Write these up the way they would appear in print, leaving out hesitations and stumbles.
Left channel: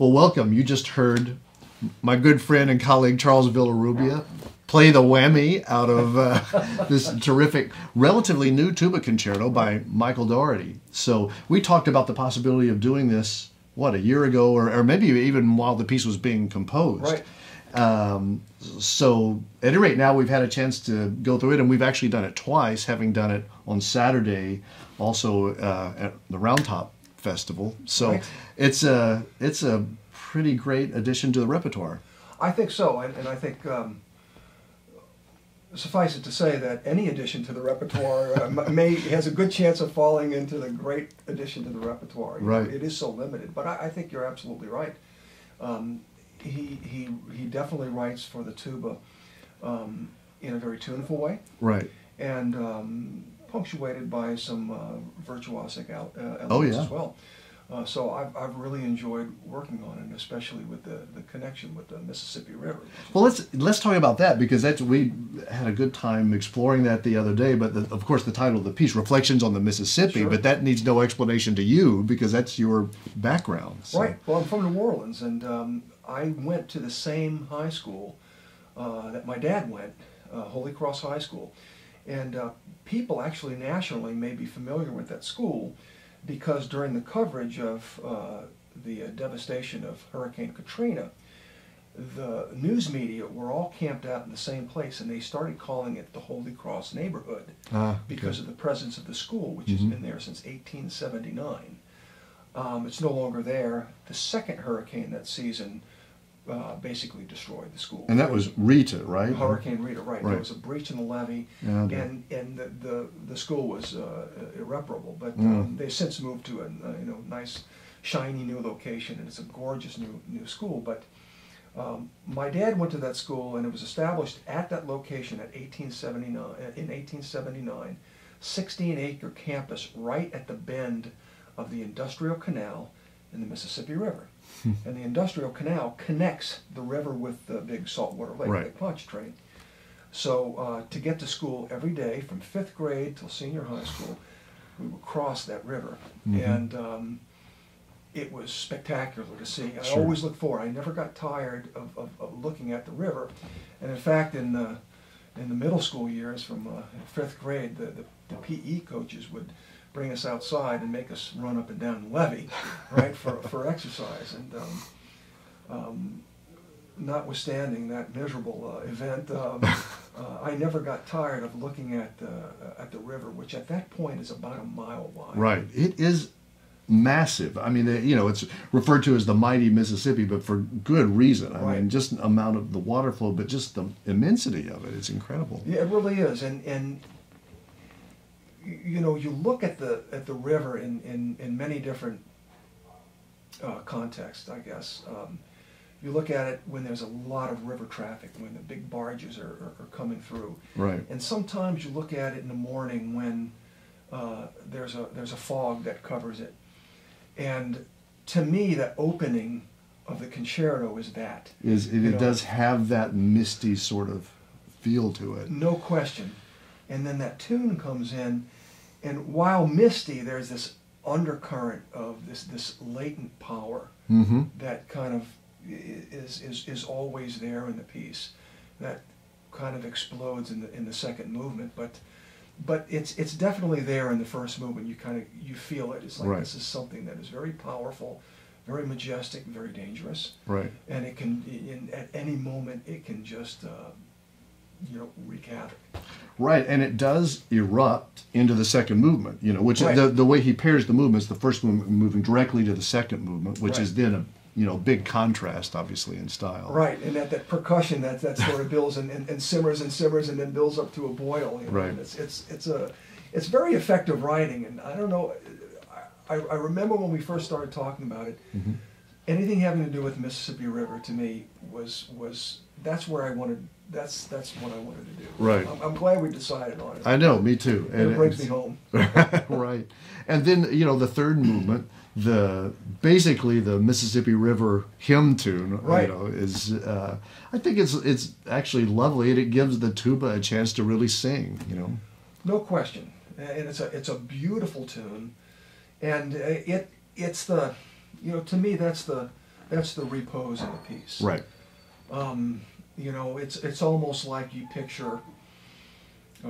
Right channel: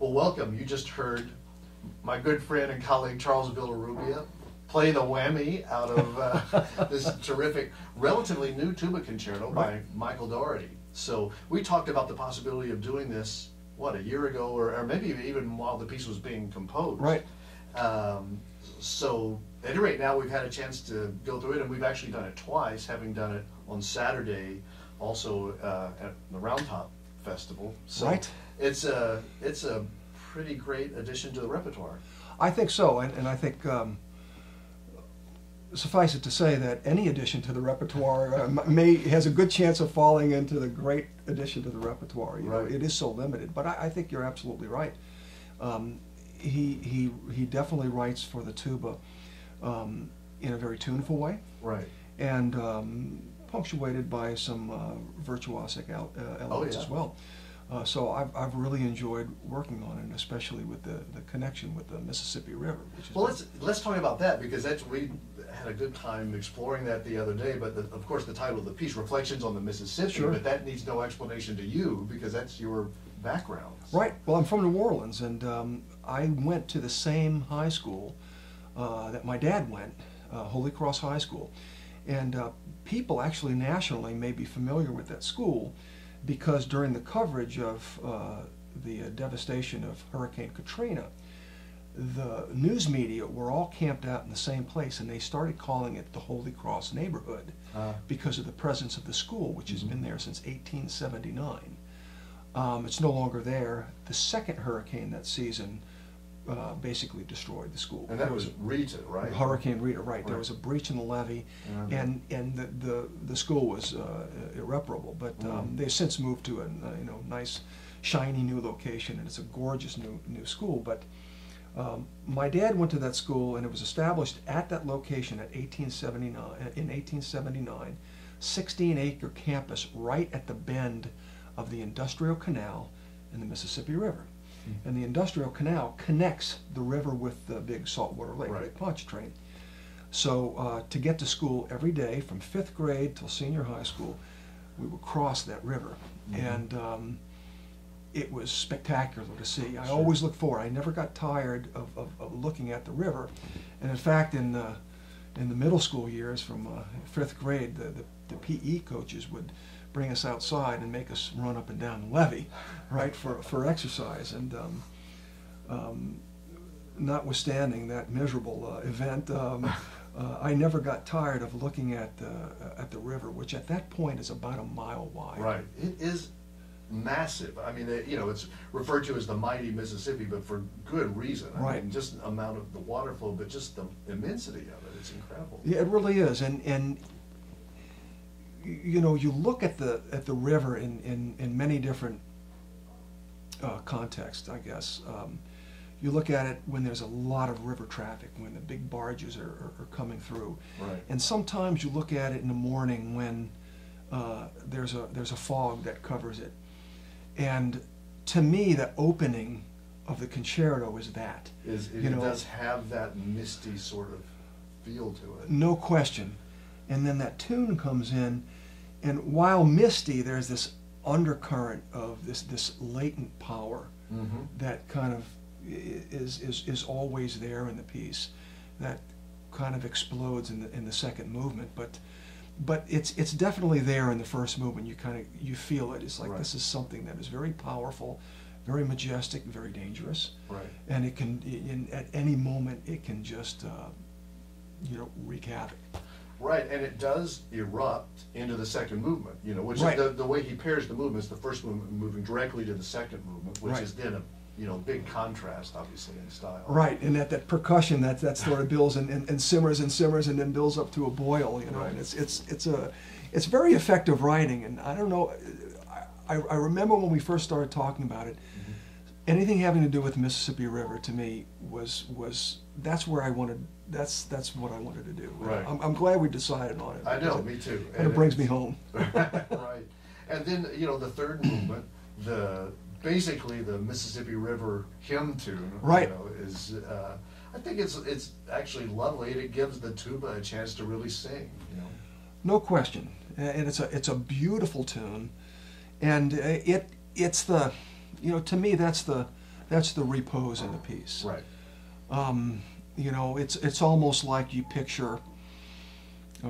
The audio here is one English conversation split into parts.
Well, welcome. You just heard my good friend and colleague Charles Villarrubia play the whammy out of this terrific, relatively new tuba concerto by Michael Doherty. So we talked about the possibility of doing this, what, a year ago, or maybe even while the piece was being composed. Right. So at any rate, now we've had a chance to go through it, and we've actually done it twice, having done it on Saturday, also at the Round Top Festival. So right. it's a pretty great addition to the repertoire. I think so, and I think suffice it to say that any addition to the repertoire has a good chance of falling into the great addition to the repertoire. Right. It is so limited, but I think you're absolutely right. He definitely writes for the tuba in a very tuneful way. Right. And punctuated by some virtuosic elements Oh, yeah. as well. So I've really enjoyed working on it, especially with the connection with the Mississippi River. Well, let's talk about that, because we had a good time exploring that the other day. But of course, the title of the piece, "Reflections on the Mississippi," Sure. but that needs no explanation to you because that's your background. So. Right. Well, I'm from New Orleans, and I went to the same high school that my dad went, Holy Cross High School, and people actually nationally may be familiar with that school, because during the coverage of the devastation of Hurricane Katrina, the news media were all camped out in the same place, and they started calling it the Holy Cross neighborhood because of the presence of the school, which has been there since 1879. It's no longer there. The second hurricane that season basically destroyed the school. And that was Rita, right? Hurricane Rita, right. There was a breach in the levee, Yeah. and the school was irreparable. But they've since moved to a nice, shiny new location, and it's a gorgeous new school. But my dad went to that school, and it was established at that location in 1879, 16-acre campus right at the bend of the Industrial Canal and the Mississippi River. And the Industrial Canal connects the river with the big saltwater lake, Right. Lake Pontchartrain. So to get to school every day from 5th grade till senior high school, we would cross that river. And it was spectacular to see. I always looked forward. I never got tired of looking at the river. And in fact, in the middle school years, from 5th grade, the PE coaches would bring us outside and make us run up and down the levee, right, for exercise. And notwithstanding that miserable event, I never got tired of looking at the river, which at that point is about a mile wide. Right. It is massive. I mean, it's referred to as the mighty Mississippi, but for good reason. I mean, just the amount of the water flow, but just the immensity of it is incredible. Yeah, it really is. And you look at the river in many different contexts, I guess. You look at it when there's a lot of river traffic, when the big barges are coming through. Right. And sometimes you look at it in the morning when there's a fog that covers it. And to me, the opening of the concerto is that. It does have that misty sort of feel to it. No question. And then that tune comes in, and while misty, there's this undercurrent of this latent power that kind of is always there in the piece, that kind of explodes in the second movement. But it's definitely there in the first movement. You feel it. It's like this is something that is very powerful, very majestic, very dangerous. Right. And it can, at any moment, it can just wreak havoc. Right, and it does erupt into the second movement, which the way he pairs the movements, the first movement moving directly to the second movement, which is then a big contrast, obviously, in style. Right, and that percussion that sort of builds and simmers and simmers and then builds up to a boil. Right. And it's very effective writing, and I don't know. I remember when we first started talking about it. Anything having to do with the Mississippi River to me was that's where I wanted. That's what I wanted to do. Right. I'm glad we decided on it. I know, me too. And it brings me home. Right. And then the third movement, basically the Mississippi River hymn tune. Right. Is I think it's actually lovely, and it gives the tuba a chance to really sing. No question. And it's a beautiful tune, and it's the to me that's the That's the repose of the piece. Right. You know, it's almost like you picture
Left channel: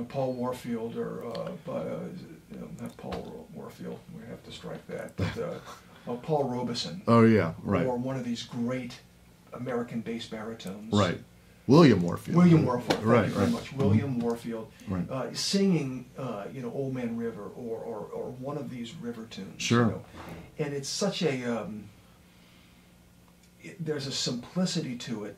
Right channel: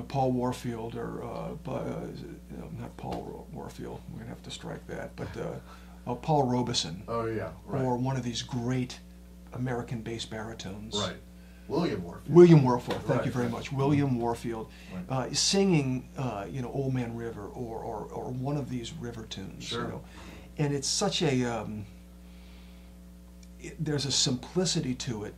Paul Warfield or not Paul Warfield. We'd have to strike that, but Paul Robeson. Oh yeah, right. Or one of these great American bass baritones. Right. William Warfield. William Warfield. Thank you very Right. much. William Warfield, Right. singing, Old Man River or one of these river tunes. Sure. You know? And it's such a there's a simplicity to it,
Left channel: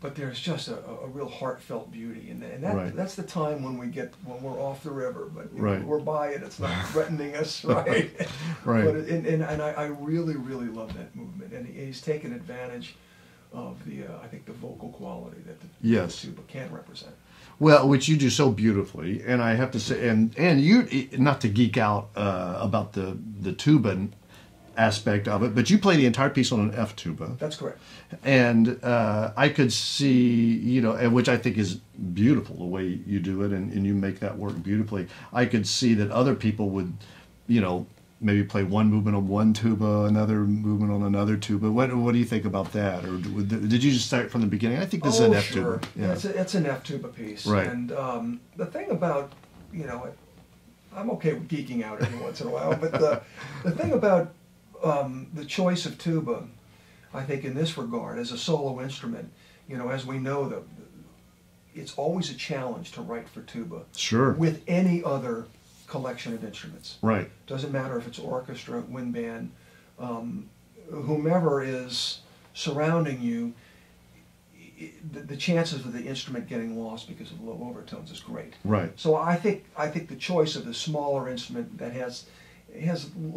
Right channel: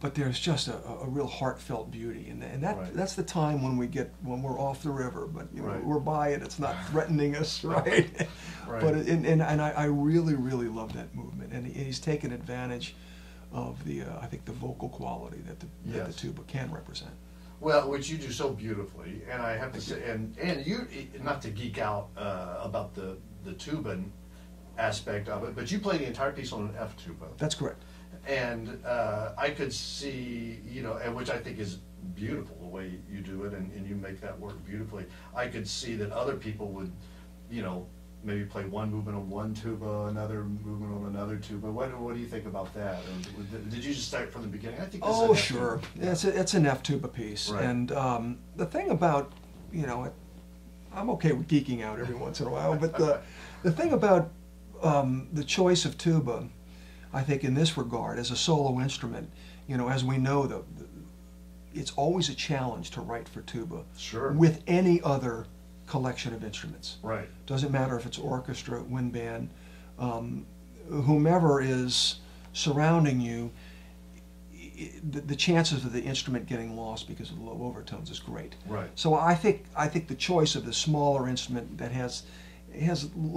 but there's just a real heartfelt beauty, and that Right. that's the time when we're off the river, but Right. we're by it. It's not threatening us, right? Right. But and I really love that movement, and he's taken advantage of the I think the vocal quality that the Yes. tuba can represent. Well, which you do so beautifully, and I have to say, and you, not to geek out about the tuba aspect of it, but you play the entire piece on an F tuba. That's correct. And I could see, and which I think is beautiful the way you do it, and you make that work beautifully. I could see that other people would, maybe play one movement on one tuba, another movement on another tuba. What do you think about that? Or did you just start from the beginning? I think this is an F sure. tuba. Yeah. It's an F tuba piece. Right. And the thing about, I'm okay with geeking out every once in a while, but the thing about the choice of tuba, I think in this regard, as a solo instrument, as we know, it's always a challenge to write for tuba. Sure. With any other collection of instruments. Right. Doesn't matter if it's orchestra, wind band, whomever is surrounding you, the chances of the instrument getting lost because of low overtones is great. Right. So I think the choice of the smaller instrument that has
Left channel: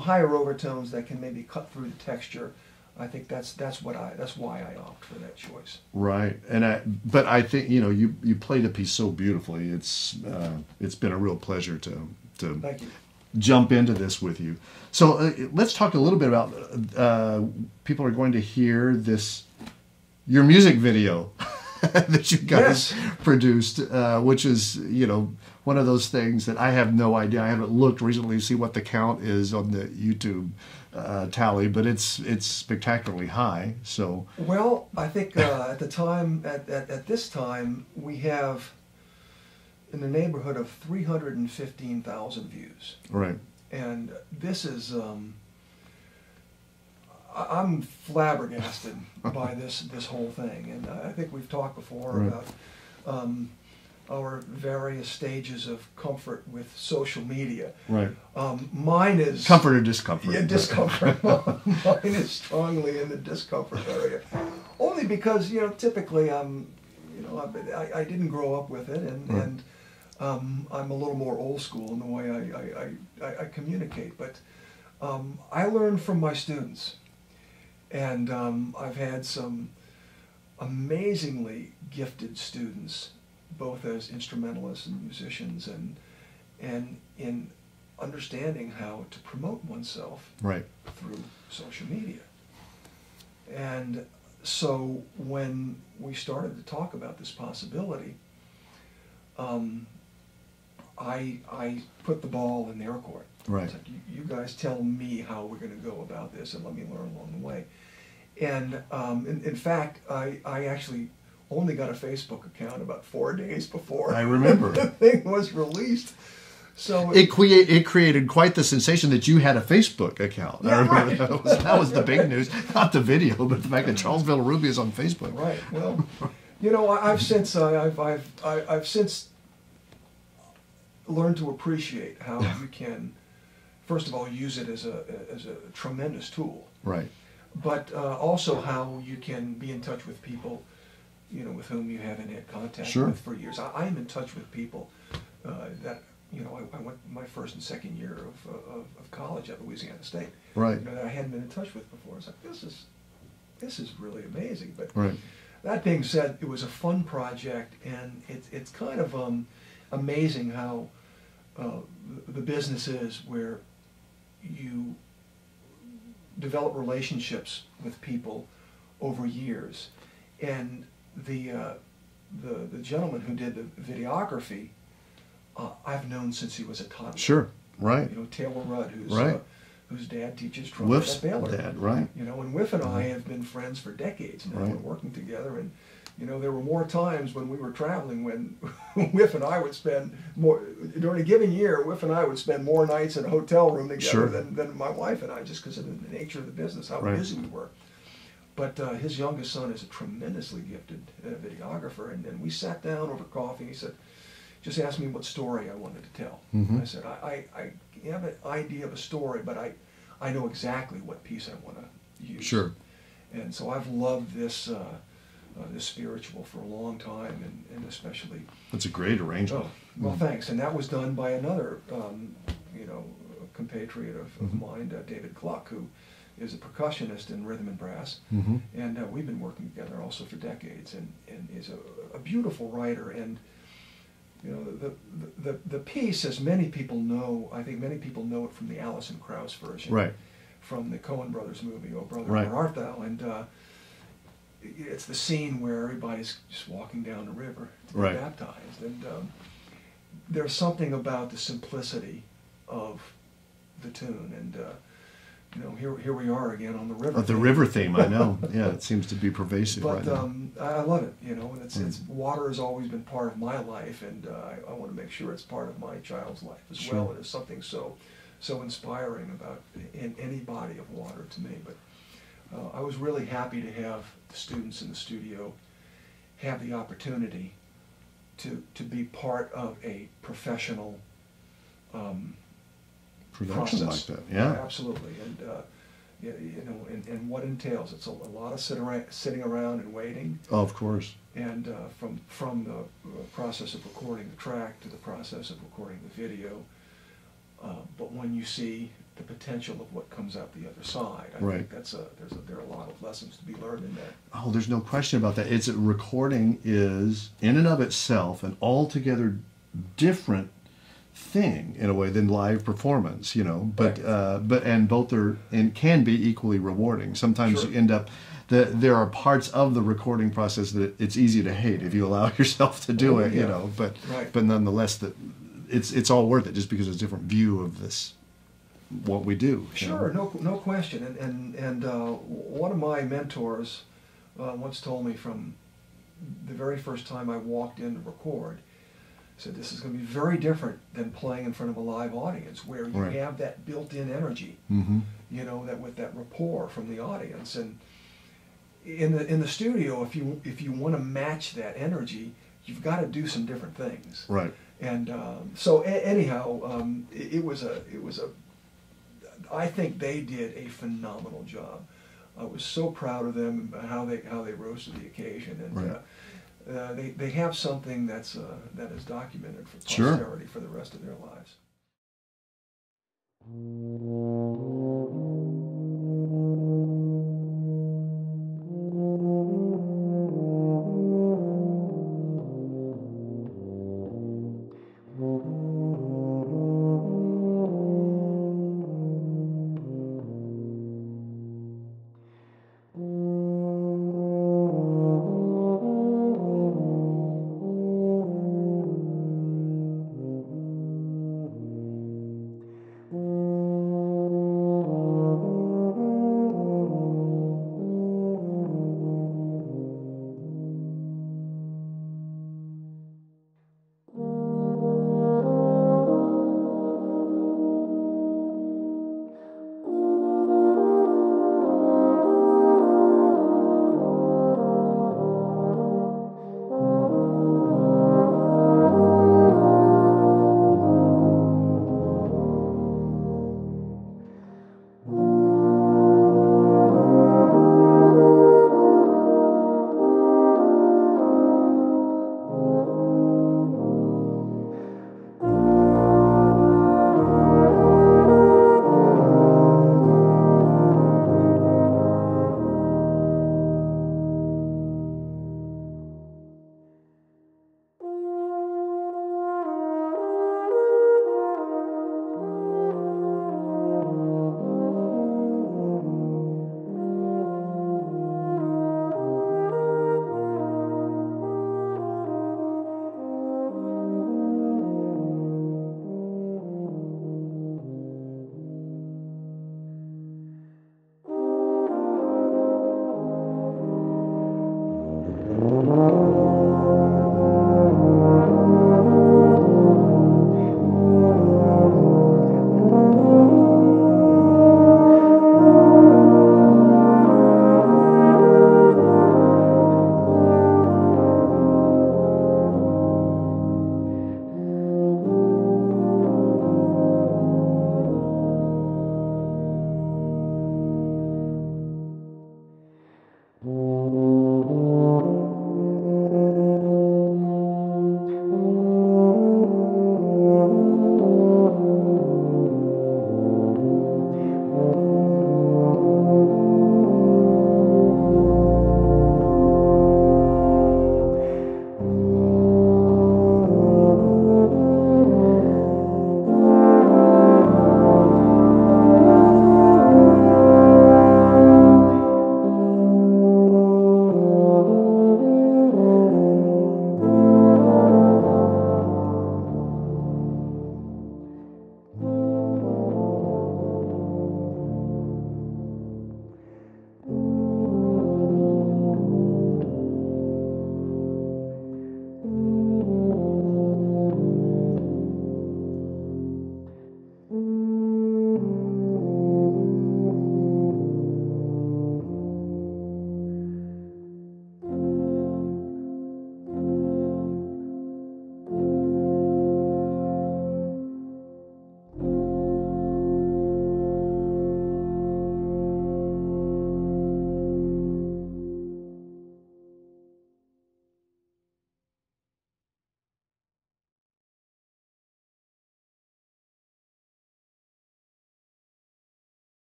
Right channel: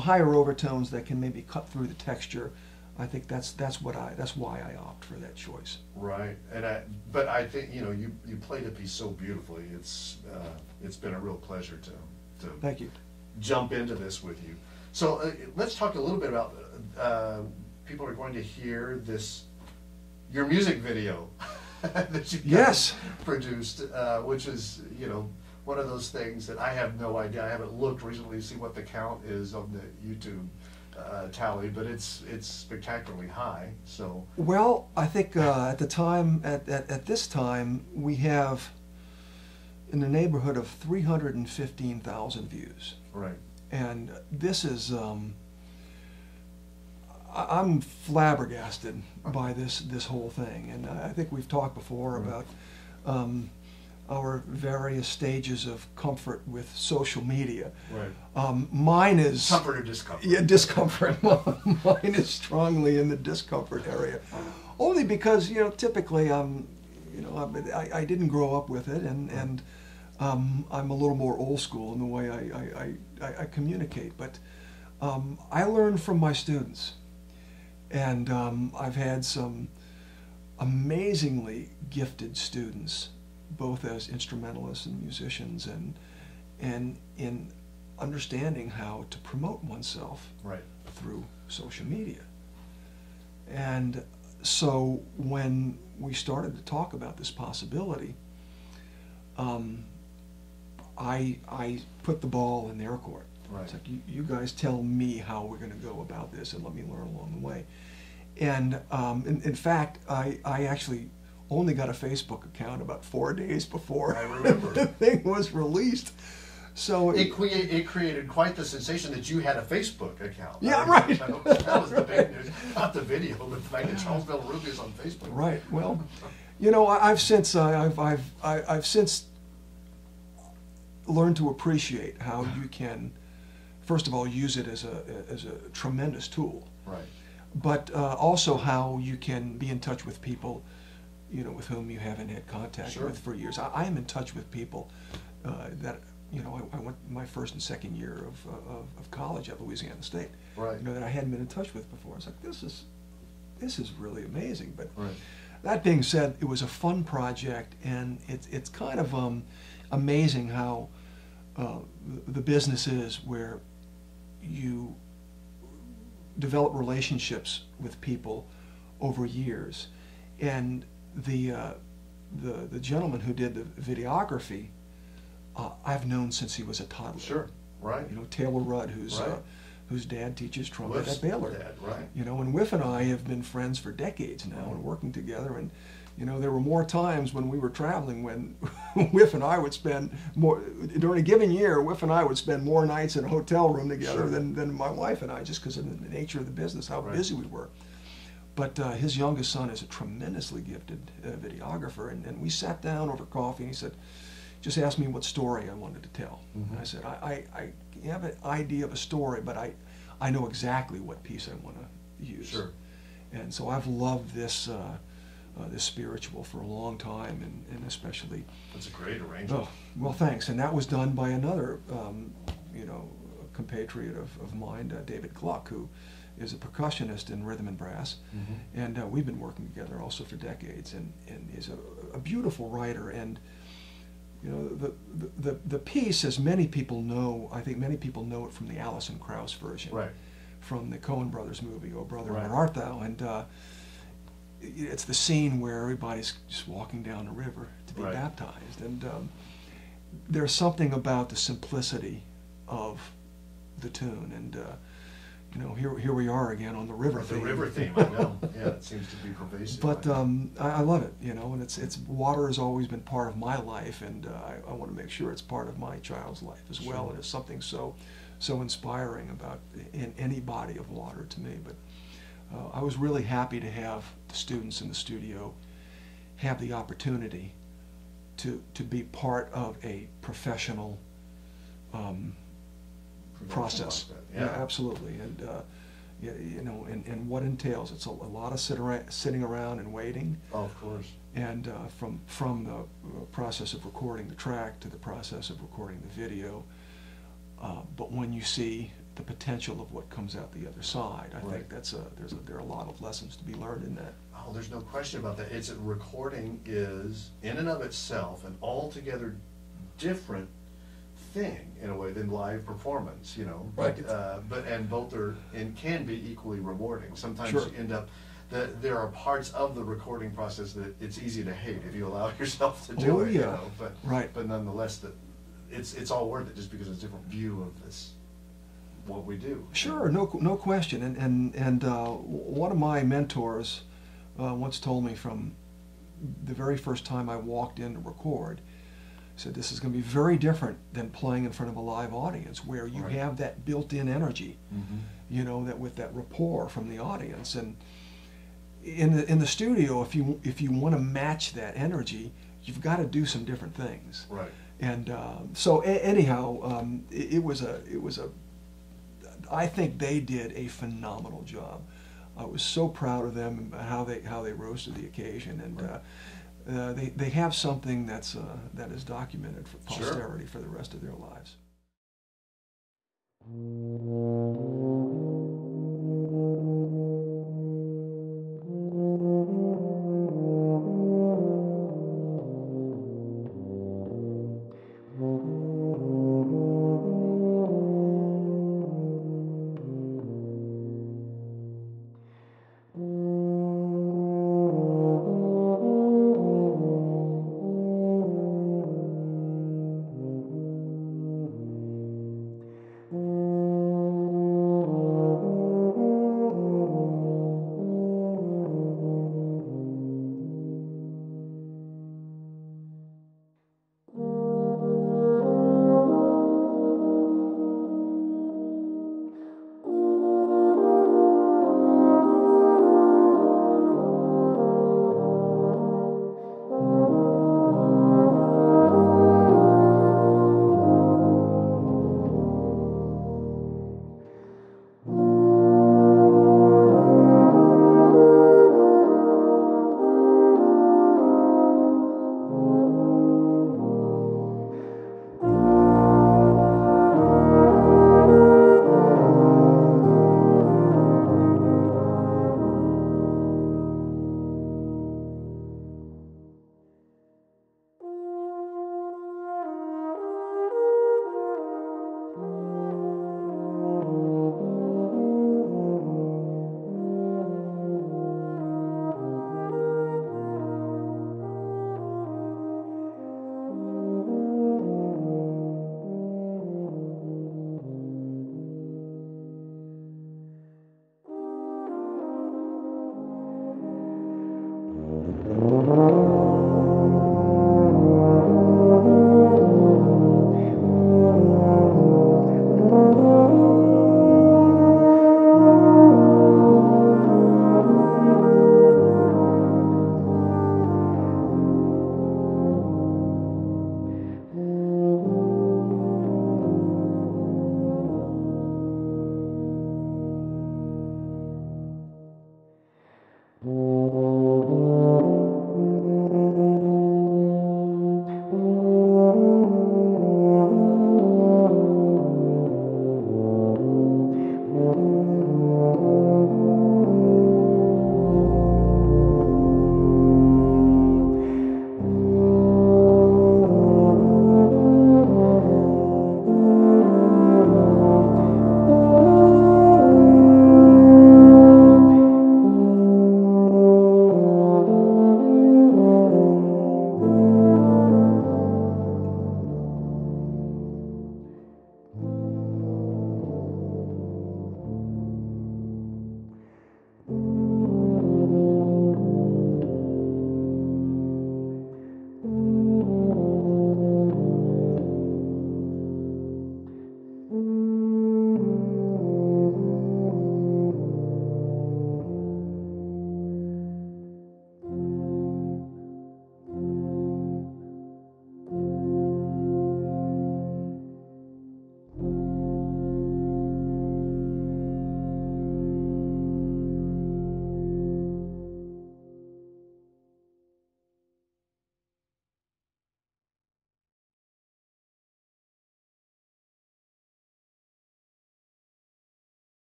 higher overtones that can maybe cut through the texture, I think that's why I opt for that choice. Right, but I think you play the piece so beautifully. It's been a real pleasure to Thank you. jump into this with you. So let's talk a little bit about people are going to hear your music video that you guys produced, which is one of those things that I have no idea. I haven't looked recently to see what the count is on the YouTube tally, but it's spectacularly high. So well, I think at this time we have in the neighborhood of 315,000 views. Right. And this is I'm flabbergasted by this whole thing, and I think we've talked before about our various stages of comfort with social media. Right. Mine is comfort or discomfort. Yeah, discomfort. Mine is strongly in the discomfort area, only because typically I didn't grow up with it, and I'm a little more old school in the way I communicate. But I learn from my students, and I've had some amazingly gifted students, both as instrumentalists and musicians, and in understanding how to promote oneself through social media. And so when we started to talk about this possibility, I put the ball in their court. Right. It's like, you guys tell me how we're going to go about this, and let me learn along the way. And in fact, I actually only got a Facebook account about 4 days before I remember the thing was released. So it created quite the sensation that you had a Facebook account. Yeah, right. That was the big news, not the video, but the fact that Charles Villarrubia is on Facebook. Right. Well, I've since learned to appreciate how you can, first of all, use it as a tremendous tool. Right. But also how you can be in touch with people, with whom you haven't had contact with for years. I am in touch with people that I went my first and second year of college at Louisiana State. Right. That I hadn't been in touch with before. I was like, this is really amazing. But right. That being said, it was a fun project, and it's kind of amazing how the business is where you develop relationships with people over years. And the gentleman who did the videography, I've known since he was a toddler. Sure. Right. Taylor Rudd, who's whose dad teaches trumpet at Baylor. Dad, right? You know, and Whiff and I have been friends for decades now. Right. We're working together, and you know, there were more times when we were traveling when Whiff and I would spend more during a given year. Whiff and I would spend more nights in a hotel room together Sure. than my wife and I, just because of the nature of the business, how Right. busy we were. But his youngest son is a tremendously gifted videographer, and we sat down over coffee, and he said, just asked me what story I wanted to tell. Mm-hmm. And I said, I have an idea of a story, but I know exactly what piece I want to use. Sure. And so I've loved this this spiritual for a long time, and especially. That's a great arrangement. Oh, well, thanks. And that was done by another, you know, compatriot of mine, David Gluck, who is a percussionist in rhythm and brass, Mm-hmm. and we've been working together also for decades, and is a beautiful writer. And you know, the piece, as many people know, I think many people know it from the Alison Krauss version, Right. from the Coen Brothers movie, Oh Brother, Right. Where Art Thou? And it's the scene where everybody's just walking down the river to be Right. baptized, and there's something about the simplicity of the tune, and you know, here we are again on the river. But the theme. river theme, I know. Yeah, it seems to be pervasive But right now. I love it, you know, and it's water has always been part of my life, and I want to make sure it's part of my child's life as Sure. well. And it's something so inspiring about in any body of water to me. But I was really happy to have the students in the studio have the opportunity to be part of a professional Production process. like that, yeah. Absolutely. And you know, and what entails. It's a lot of sitting around and waiting. Oh, of course. And from the process of recording the track to the process of recording the video. But when you see the potential of what comes out the other side, I Right. think there are a lot of lessons to be learned in that. Oh, there's no question about that. It's recording is in and of itself an altogether different thing in a way than live performance, you know. But Right. And both are and can be equally rewarding. Sometimes Sure. you end up there are parts of the recording process that it's easy to hate if you allow yourself to do Oh, it, you yeah. know. But Right. but nonetheless, that it's all worth it just because it's a different view of this what we do. you Sure, know. no question. And one of my mentors once told me from the very first time I walked in to record, said this is going to be very different than playing in front of a live audience where you Right. have that built-in energy, Mm-hmm. you know, that with that rapport from the audience. And in the studio, if you want to match that energy, you've got to do some different things. Right. And so anyhow, it was a I think they did a phenomenal job. I was so proud of them and how they rose to the occasion, and Right. they have something that is documented for Sure. posterity for the rest of their lives.